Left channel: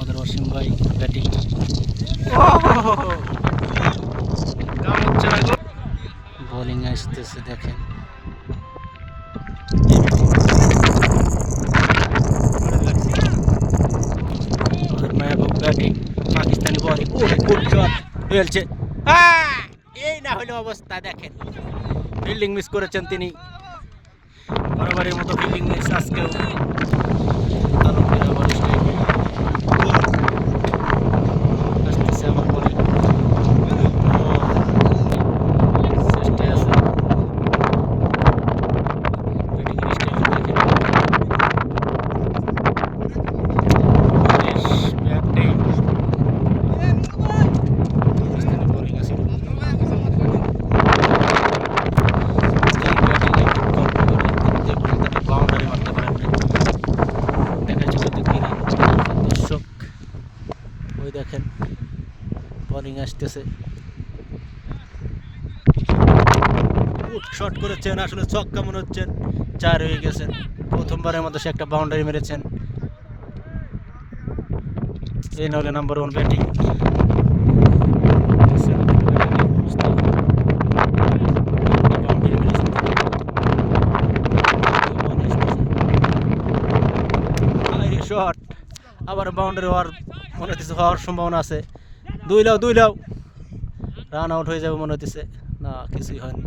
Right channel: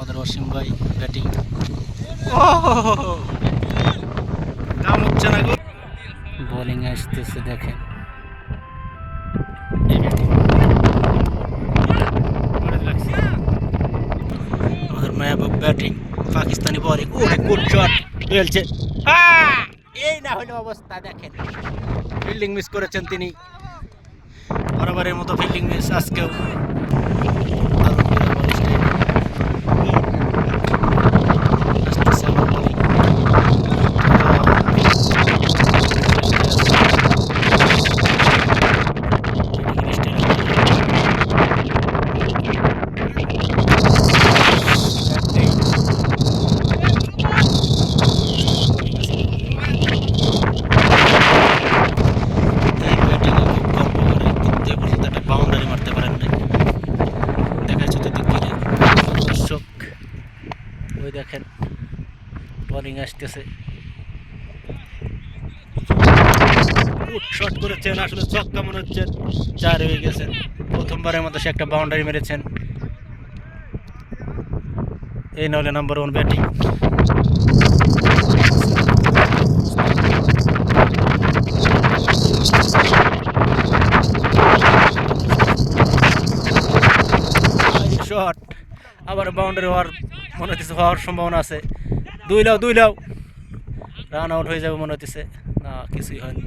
আমাদের অসীম ভাই ব্যাটিং কাম হচ্ছে না গো। বোলিং আসতেছে দেখেন, আমাদের মায়াবুব ব্যাটিং, পাকিস্তানি বলিং। ওরে গুড শট খেলছে, এই না হলো অবস্থা। দেখেন ফিল্ডিং মিস করেছেন তিনি, বরাবরের মতো ফিল্ডিং মিস আজকেও। আলমগীর স্টাইল আসতেছে আবার বলিং। বাউন্ডারি মারতে পারেন না, দেখা যাচ্ছে তো কি দর্শক। ওই দেখেন বোলিং আসতেছে, শট করেছেন, আসলে ছক্কা মনে হচ্ছে, 4 হয়ে গেছেন। প্রথমবারের মতো সে একটা বাউন্ডারি মেরেছেন। এই নাহলে নাম্বার 1 ব্যাটিং। শট আবার বাউন্ডারি হওয়ার মনে হচ্ছে, হওয়ার সম্ভাবনা আছে। 2 লাও রান আউট হয়ে যাবে মনে হচ্ছে, না কিছুই হয়নি।